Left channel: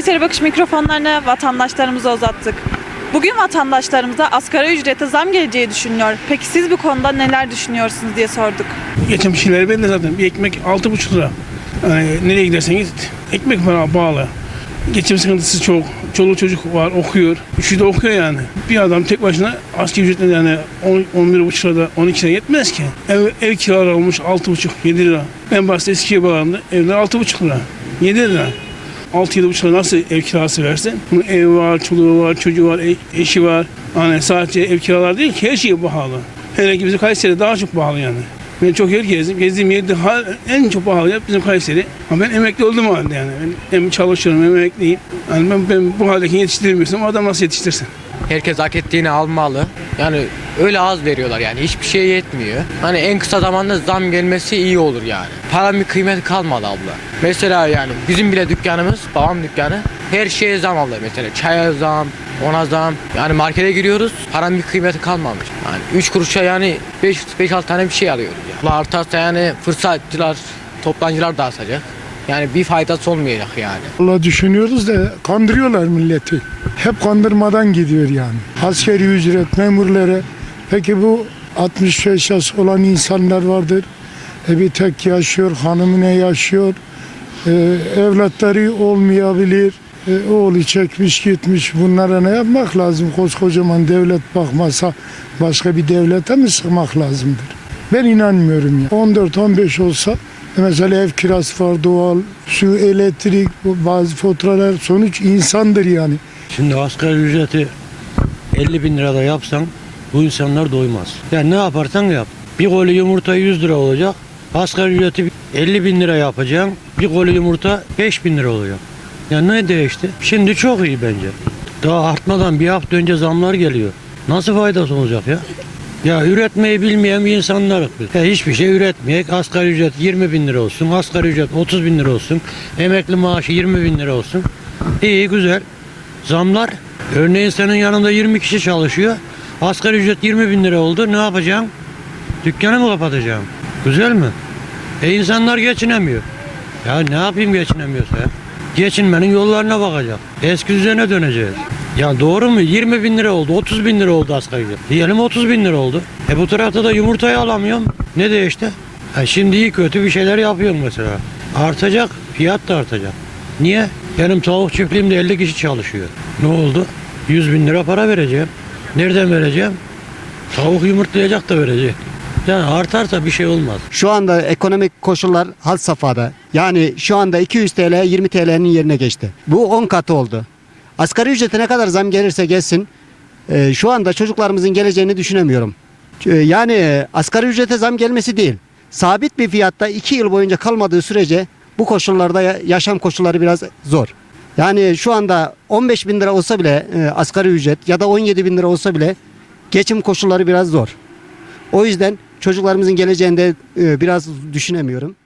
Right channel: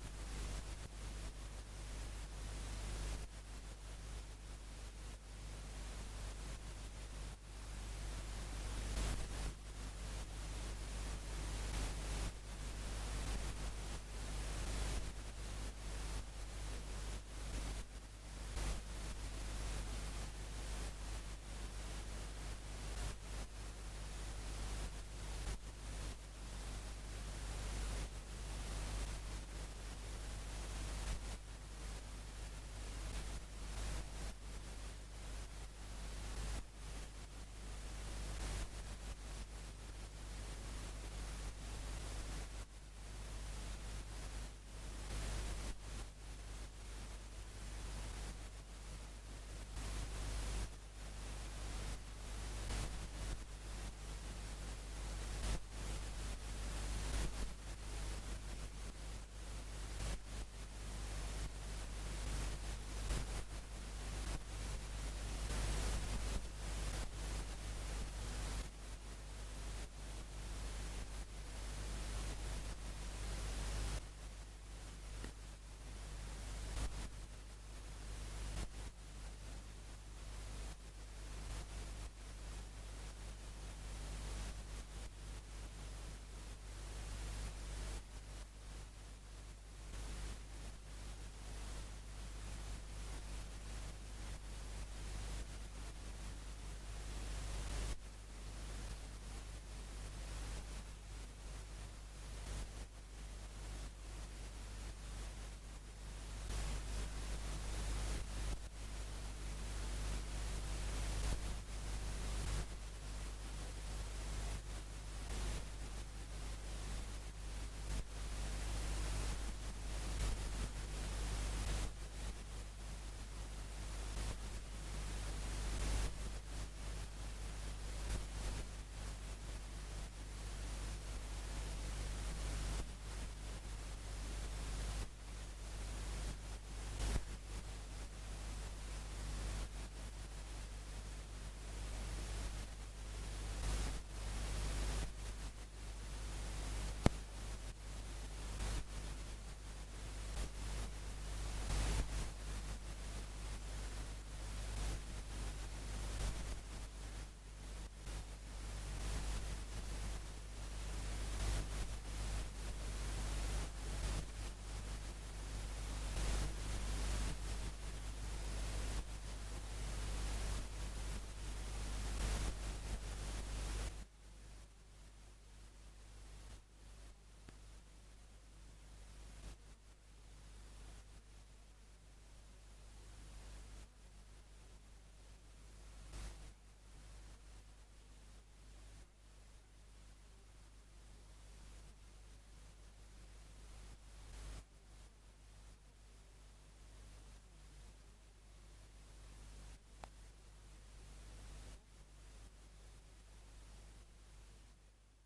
Kayseri Bakış mikrofonlarını vatandaşlarımıza uzattık. Bugün vatandaşlarımıza asgari ücrete zam geleceği düşünüyor. Peki siz bu konuda neler düşünüyorsunuz diye sorduk. Geçen şeyleri belli zaten. Bir ekmek 6,5 lira. Yani nereye gidersen git ekmek para bağlı. Geçim sıkıntısı çok. Çoluk çocuk var okuyor. Üçü de okuyor yani. Bir adam tek başına asgari ücretle yani 10, 11,5 lirada 12 lira yetmez ki. Ev, ev kiraları olmuş 6,5 7 lira. Ben bahsede Eskiye bağlandı. Evler 6,5 lira. 7 lira. 6-7,5 lira nasıl ev kirası versin? Bunun ev var, çoluğu var, çocuğu var, e- eşi var. Hani sadece ev kiralar değil ki her şey pahalı. Hele ki bizim Kayseri daha çok pahalı yani. Ben çok yer gezdim. Gezdiğim yerde en çok pahalı yer bizim Kayseri. Ama ben emekli oldum halde yani. Ben hem çalışıyorum hem emekliyim. Yani ben, ben bu haldeki yetiştiremiyorsam o adam nasıl yetiştirsin? Herkes hak ettiğini almalı. Yani öyle az veriyorlar yani hiçbir şey yetmiyor. Hani en kısa zamanda zam gelmesi iyi olur yani. Paranın bir kıymeti kalmadı abla. Mesela yani bizim bile dükkanımız, babam dükkanı her şeye zam aldı mesela. Çaya zam, ona zam. Yani markete giriyoruz paranın bir kıymeti kalmamış. Yani 3 kuruşa yani 5-6 tane bir şey alıyoruz. Yani. Artarsa yani fırsatçılar, toplancılar da asacak. Yani bir faydası olmayacak yani. Allah düşünüyoruz da kandırıyorlar milleti. Hep kandırmadan gidiyor yani. Askeri ücret memurları. Peki bu 65 yaş olan insanlar vardır. E bir tek yaşıyor, hanımı ne yaşıyor. E, evlatları olmayabilir. E, oğlu çekmiş gitmiş. Bunlara ne yapmak lazım? Koskocaman devlet bakmasa başka bir devlete mi sıkmak lazımdır? Ben inanmıyorum ya. 14-15 olsa mesela ev kirası var, doğal, su, elektrik, bazı faturalar sonuç insandır yani. Şimdi asgari ücreti 50 bin lirada yapsan bu insanlar doymaz. Yani ne yaparsan yap. Bir koli yumurta 100 lira olacak. Asgari ücreti 50 bin lira yapacaksın. Bir koli yumurta 5 bin lira olacak. Yani ne değişti? Şimdi çok iyi bence. Daha artmadan bir hafta önce zamlar geliyor. Nasıl faydası olacak ya? Ya üretmeyi bilmeyen bir insanlar biz. Ya hiçbir şey üretmeyek. Asgari ücret 20 bin lira olsun. Asgari ücret 30 bin lira olsun. Emekli maaşı 20 bin lira olsun. İyi güzel. Zamlar. Örneğin senin yanında 20 kişi çalışıyor. Asgari ücret 20 bin lira oldu. Ne yapacağım? Dükkanı mı kapatacağım? Güzel mi? E insanlar geçinemiyor. Ya ne yapayım geçinemiyorsa ya? Geçinmenin yollarına bakacak. Eski düzene döneceğiz. Ya doğru mu? 20 bin lira oldu, 30 bin lira oldu asgari ücret. Diyelim 30 bin lira oldu. E bu tarafta da yumurtayı alamıyorum. Ne değişti? Ha şimdi iyi kötü bir şeyler yapıyorum mesela. Artacak, fiyat da artacak. Niye? Benim tavuk çiftliğimde 50 kişi çalışıyor. Ne oldu? 100 bin lira para vereceğim. Nereden vereceğim? Tavuk yumurtlayacak da vereceğim. Yani artarsa bir şey olmaz. Şu anda ekonomik koşullar had safhada. Yani şu anda 200 TL 20 TL'nin yerine geçti. Bu 10 katı oldu. Asgari ücrete ne kadar zam gelirse gelsin e, şu anda çocuklarımızın geleceğini düşünemiyorum. E, Yani asgari ücrete zam gelmesi değil. Sabit bir fiyatta 2 yıl boyunca kalmadığı sürece bu koşullarda ya- yaşam koşulları biraz zor. Yani şu anda 15 bin lira olsa bile e, asgari ücret ya da 17 bin lira olsa bile geçim koşulları biraz zor. O yüzden çocuklarımızın geleceğinde e, biraz düşünemiyorum.